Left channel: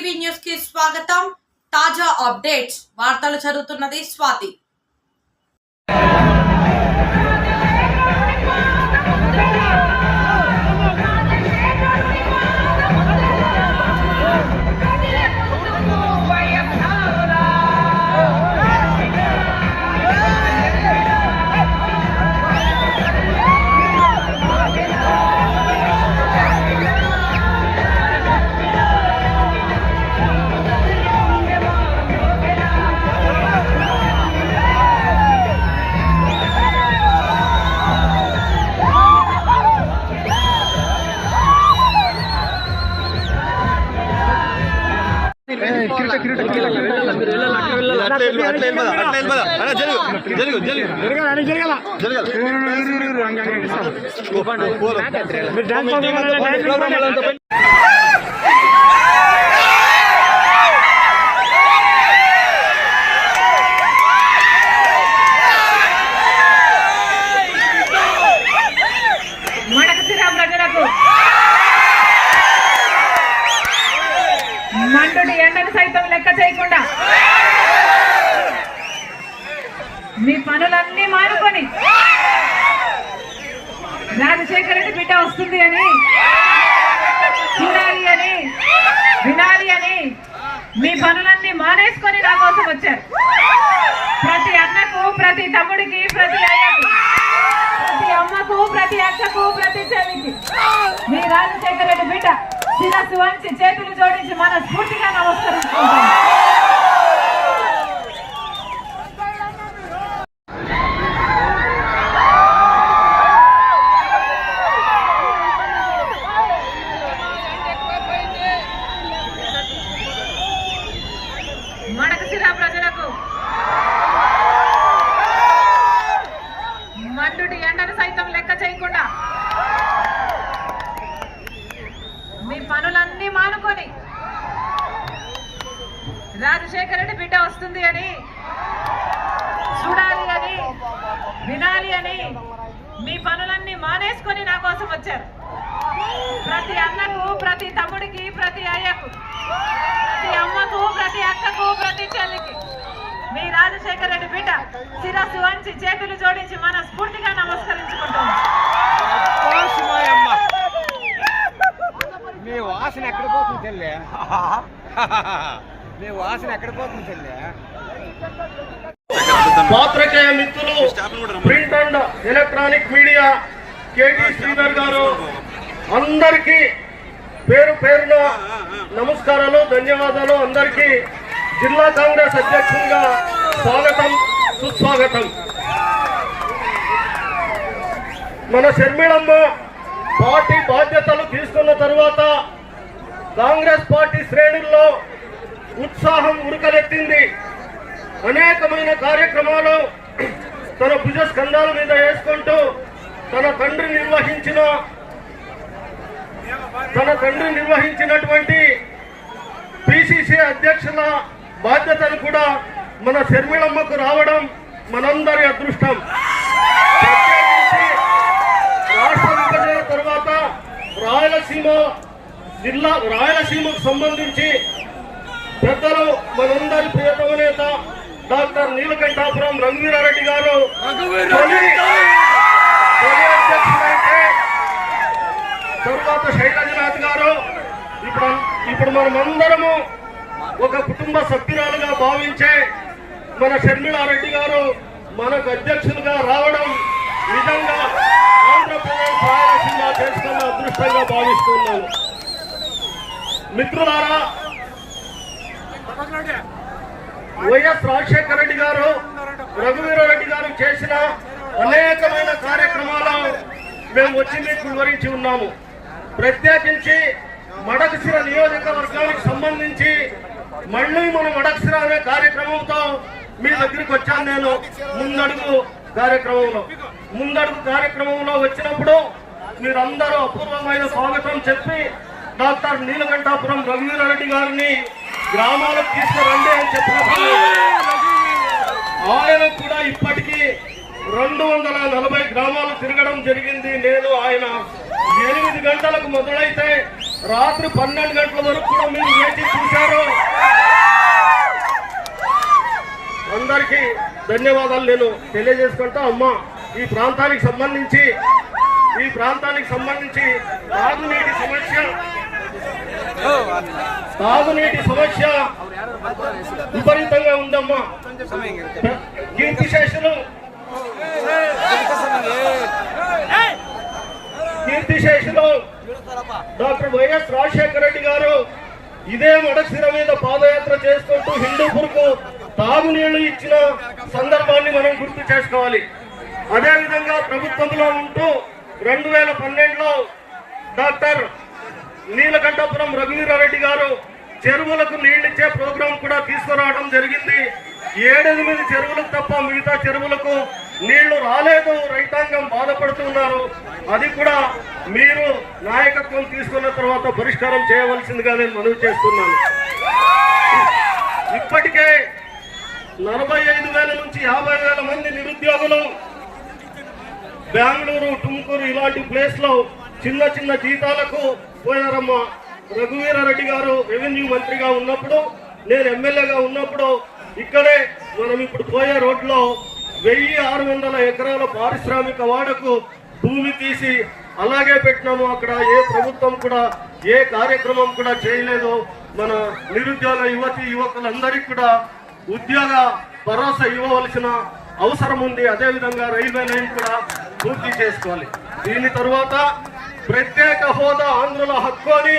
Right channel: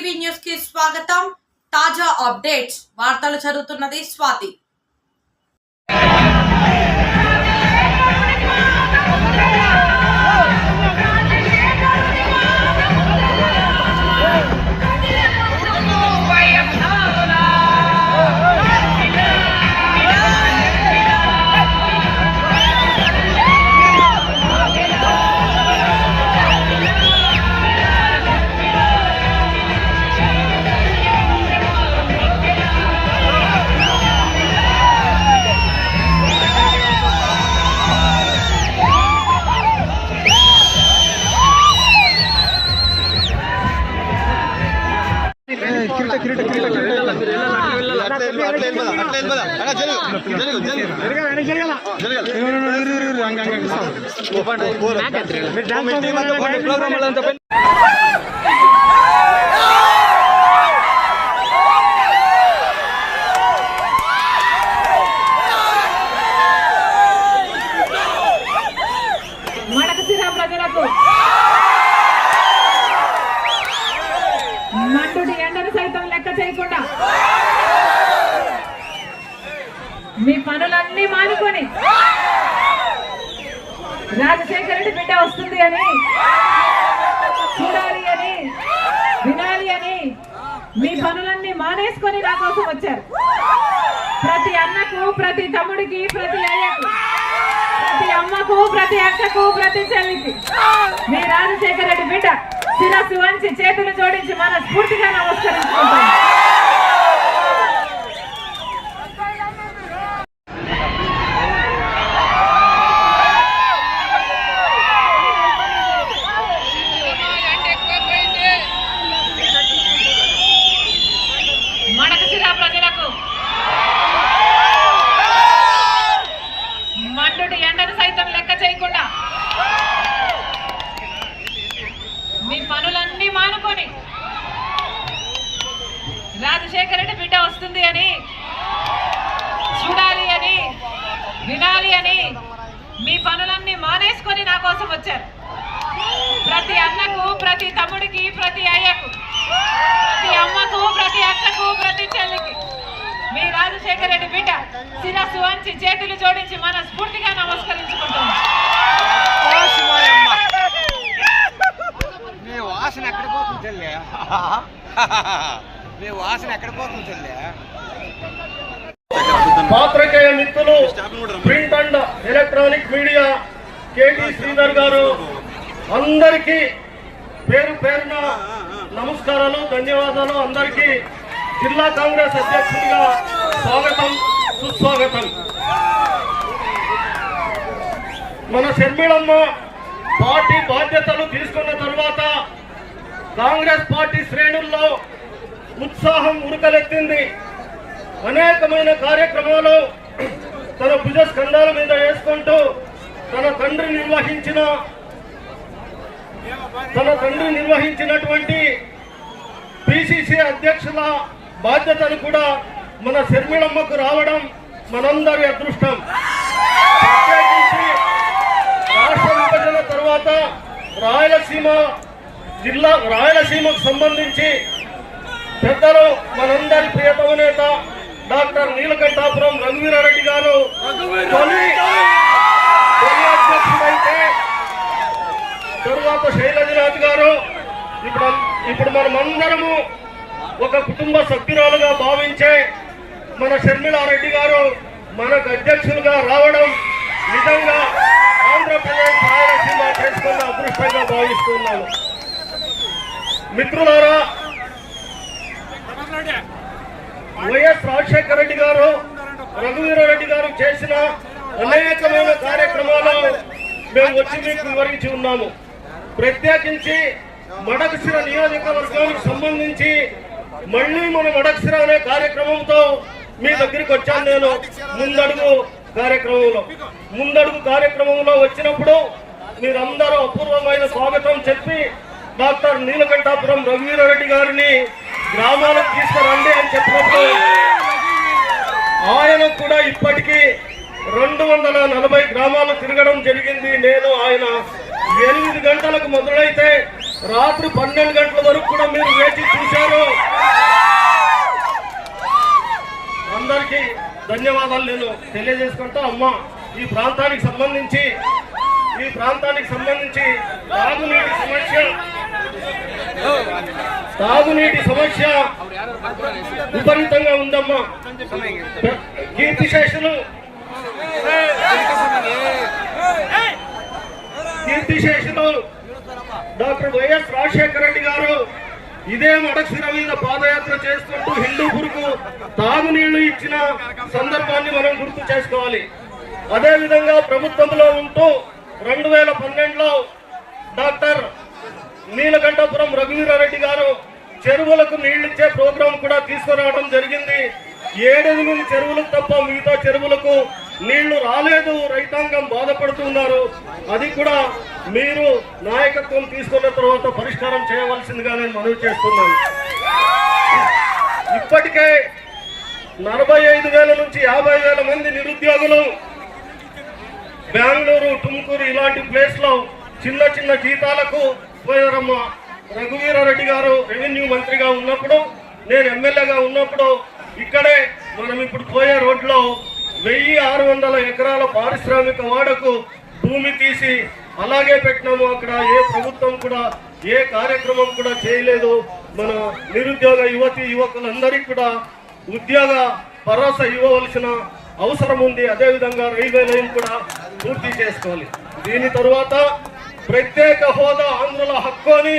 TV news కి స్వాగతం. తాజా అప్డేట్స్ వార్తలు చదువుతున్నది స్వాతి. మంటుడి ఎండను సైతం లెక్క చేయకుండా మీ పనులన్నీ మానుకొని రాజశేఖర రెడ్డి బిడ్డ వస్తుంది అని చూడాలి అని వినాలి అని మీ పనులన్నీ మానేసుకొని నా కోసం వచ్చారు. ప్రతి అన్నకు, ప్రతి తమ్ముడికి, ప్రతి అయ్యకు, ప్రతి అమ్మకు, ప్రతి అక్కకు, ప్రతి చెల్లికి మీ రాజశేఖర రెడ్డి బిడ్డ శిరస్సు వంచి చేతులు జోడించి మనస్ఫూర్తిగా నమస్కరించుకుంటాం. మడకశిర ప్రజలకు మండుటి ఎండను సైతం లెక్క చేయకుండా మీ పనులన్నీ మానుకొని రాజశేఖర రెడ్డి బిడ్డ వస్తుంది అని చూడాలి అని వినాలి అని మీ పనులన్నీ మానేసుకొని నా కోసం వచ్చారు. ప్రతి అన్నకు, ప్రతి తమ్ముడికి, ప్రతి అయ్యకు, ప్రతి అమ్మకు, ప్రతి అక్కకు, ప్రతి చెల్లికి మీ రాజశేఖర రెడ్డి బిడ్డ శిరస్సు వంచి చేతులు జోడించి మనస్ఫూర్తిగా నమస్కరించుకుంటాం. వాసన ఎక్కడ పోతుంది చెల్లె? మీ వాసన ఎక్కడ పోతుంది చెల్లె? పాత్రికేయ మిత్రులు, print and electronic media, KT Sridhar గారు అందరికీ పేరు పేరున నమస్కారాలు, ధన్యవాదాలు. అందరికీ జిల్లా కాంగ్రెస్ అధ్యక్షుడిగా స్వాగతం, సుస్వాగతం. మన షర్మిళమ్మ పార్టీ బాధ్యతలు తీసుకున్న తరువాత కాంగ్రెస్ పార్టీ శ్రేణుల్లో ఉత్సాహం ఉరకలెత్తింది. అనేకమైన కార్యక్రమాలు తన భుజ స్కంధాల మీద వేసుకుంటూ తన తండ్రి నిర్వహించినటువంటి పిసిసి అధ్యక్షుల బాధ్యతలు కూడా మన షర్మిళమ్మకు రావడం మనందరి అదృష్టం. ప్రత్యేకించి రాష్ట్ర విభజన తర్వాత రాయలసీమకు సంబంధించి పెద్దలు మనందరి ప్రియతమ నేత డాక్టర్ నీలకంఠాపురం రఘువీరారెడ్డి గారు తొలి అధ్యక్షుడైతే తరువాత శైలజనాథ్ గారు ఇప్పుడు మనమందరము ఒక కుటుంబ సభ్యురాలుగా భావించే మన షర్మిళారెడ్డి గారు మనకు అధ్యక్షులుగా రావడం నిజంగా ఆంధ్రప్రదేశ్ రాయలసీమ చేసుకున్న అదృష్టంగా భావిస్తున్నాను. మిత్రులారా, వైఎస్ రాజశేఖర రెడ్డి గారు, రఘువీరారెడ్డి గారు చేసిన అనేకమైన కార్యక్రమాలు మేము వచ్చి మీకు వివరించి ఉన్నాము. ప్రత్యేకించి మడకశిర నియోజకవర్గానికి సంబంధించి మళ్ళీ మన మడకశిర అనే కార్యక్రమంతో మీ దగ్గరికి వచ్చాను. నేను ముందడుగు కార్యక్రమంలో వచ్చినప్పుడు మీరందరూ అపూర్వమైన స్వాగతం చెప్పి డాక్టర్ నీలకంఠాపురం రఘువీరారెడ్డి గారిని గ్రామాలకు తీసుకురండి అని చెప్పినప్పుడు ఆయన కూడా ఇప్పటికీ 240 గ్రామాలు తిరగడం జరిగింది. నేను ఆయన 8 గంటలకు మొదలైతే రాత్రి 12 గంటల వరకు కూడా మీరు వేచి చూశారు. అందరికీ ధన్యవాదాలు నేను తెలియజేసుకుంటా. అమ్మ, ఈ ప్రాంతానికి సంబంధించి తాగునీటి సమస్య విపరీతంగా ఉందమ్మా. కీర్తిశేషులు డాక్టర్ వైఎస్ రాజశేఖర రెడ్డి గారు ఇదే మడశిర మీద పాదయాత్ర చేసుకుంటూ హిందూపూర్కు తాగునీళ్లు ఇచ్చిన సందర్భాన్ని మనం గుర్తు చేసుకోవాలి. అదేవిధంగా ప్రభుత్వంలో ఉంటూ 2012లో డాక్టర్ నీలకంఠపురం రఘువీరారెడ్డి గారు చెరువులకు నీళ్లిచ్చే ప్రోగ్రాం కూడా తీసుకురావడం జరిగింది. 7-8 చెరువులకు తప్ప మిగతా చెరువులకు నీళ్లు రాలేదు. రైతాంగం బాధపడుతున్నారు. అది కూడా మీరు నాయకత్వం తీసుకున్న తర్వాత పరిష్కారం చేయవలసిందిగా నేను మనవి చేస్తున్నాను. ఇప్పటికే 45,000 నుంచి 50,000 మంది నిరుద్యోగులు బెంగళూరు, టుమ్కూరు ఇలాంటి ప్లేస్ లో చిన్న చిన్న జీతాలకు పోయారమ్మ. రఘువీరారెడ్డి గారు రెవెన్యూ మంత్రిగా ఉన్నప్పుడు, నేను ఎమ్మెల్యేగా ఉన్నప్పుడు ఇక్కడే మనం ఇప్పుడు పోయే రోడ్లో 1600 ఎకరాల పారిశ్రామిక వాడకు భూమి తీసి అలాగే పెట్టినాము. అక్కడ ఏ ప్రభుత్వం కూడా ఏ కార్యక్రమం కూడా చేయలేదు. మన నిరుద్యోగ యువకులందరికీ కూడా ఉద్యోగ భరోసా ఇవ్వవలసిన అవసరం ఉంది. అదేవిధంగా రైల్వే లైన్ కూడా పూర్తి చేసుకోవాలి. దీని తరువాత ప్రత్యేక హోదా ఆంధ్రుల హక్కు అని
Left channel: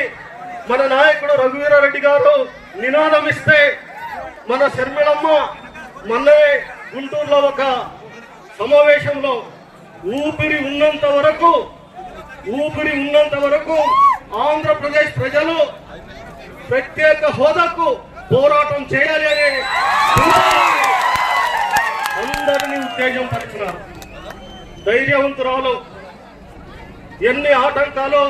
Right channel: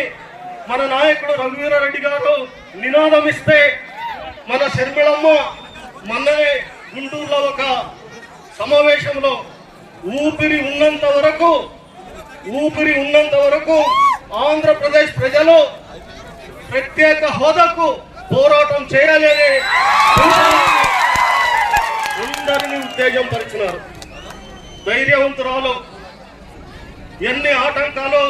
మన నాయకుడు రఘువీరారెడ్డి గారు నినాదం ఇస్తే, మన శర్మిళమ్మ మొన్ననే గుంటూరులో ఒక సమావేశంలో ఊపిరి ఉన్నంత వరకు ఆంధ్రప్రదేశ్ ప్రజలు ప్రత్యేక హోదాకు పోరాటం చేయాలి అని అందరినీ ఉత్తేజం పరిచినారు. ధైర్యవంతురాలు. ఎన్ని ఆటంకాలు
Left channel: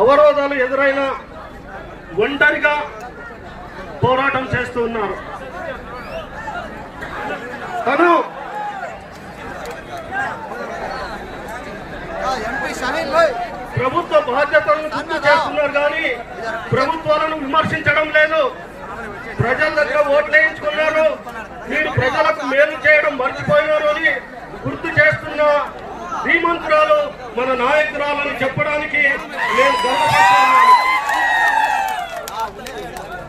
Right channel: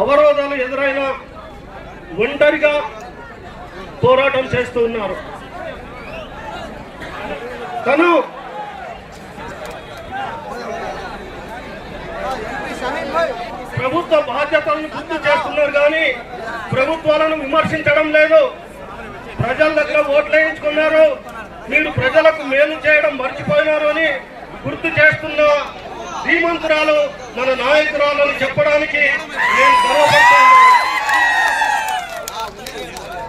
అవరోధాలు ఎదురైనా ఒంటరిగా పోరాటం చేస్తూ ఉన్నారు. తను ప్రభుత్వ బాధ్యతలను గుర్తు చేస్తున్నారు కానీ ప్రభుత్వాలను విమర్శించడం లేదు. ప్రజల దగ్గర ఓట్లు వేయించుకున్నారు, మీరు ప్రజలకు మేలు చేయడం మర్చిపోయినారు అని గుర్తు చేస్తున్న శ్రీమంతురాలు మన నాయకురాలు చెప్పడానికి నేను గర్వపడుతున్నాను.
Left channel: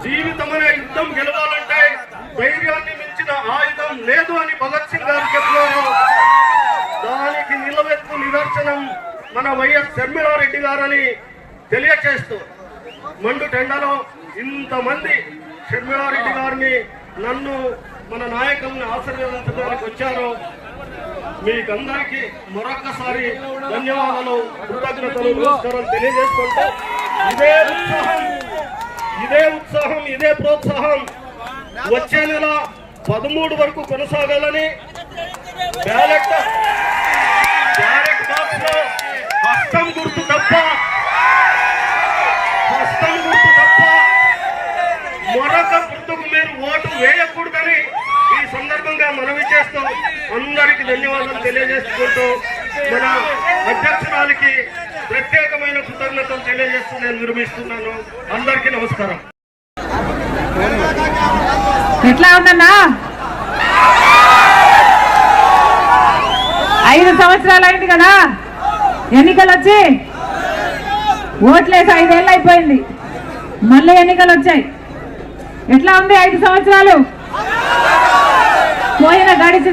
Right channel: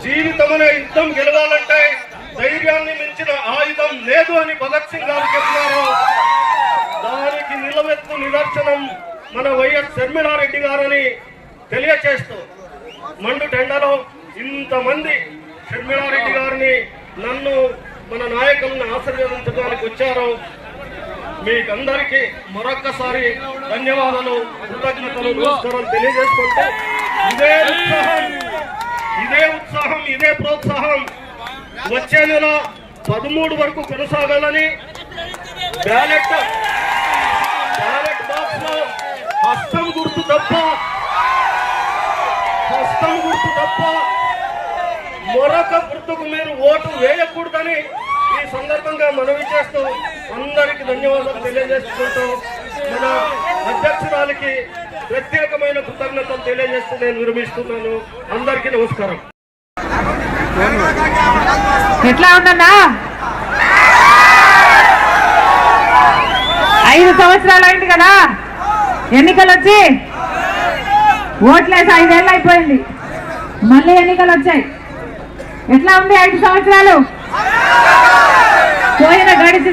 జీవితమనే యుద్ధం గెలవాలంటే ధైర్యాన్ని మించిన ఆయుధం లేదు అని భగత్ సింగ్ గారు చెప్పినారు. దానికి నిలవెత్తు నిదర్శనం మన వైఎస్ శర్మిళారెడ్డి గారని తెలియచేస్తూ, మండు టెండలో ఇంతమంది శర్మిళారెడ్డి గారిని, నన్ను, మన నాయకులను ఆశీర్వదించడానికి వచ్చారు. మీకందరికీ మరొక్కసారి ధన్యవాదాలు, కృతజ్ఞతలు, నమస్కారం తెలియజేసుకుంటూ ఇదే ఉత్సాహం ఇదే ప్రోత్సాహం వచ్చే నెల 13 వరకు కొనసాగాలని బ్యాలెట్ బాక్స్ లో హస్తం గుర్తు తప్ప మరొక గుర్తుకు మీరు ఓటు వేయకూడదని ఈ సందర్భంగా మనవి చేస్తూ అందరికీ ధన్యవాదాలు తెలియజేసుకుంటూ మన అధ్యక్షురాలికి ప్రత్యేకమైన కృతజ్ఞతలు తెలియజేస్తూ నేను విరమిస్తున్నాను. అందరికీ నమస్కారం. ఎట్లా అవుతుందా? 5 సంవత్సరాలు అయింది కదా ఎన్నికలు వచ్చి, ఓట్లేసి 5 ఏళ్ళు అయిపోయింది, మళ్ళీ ఎన్నికలు వచ్చాయి. ఎట్లా ఉంది 5 సంవత్సరాలు? పోయిన గడిచి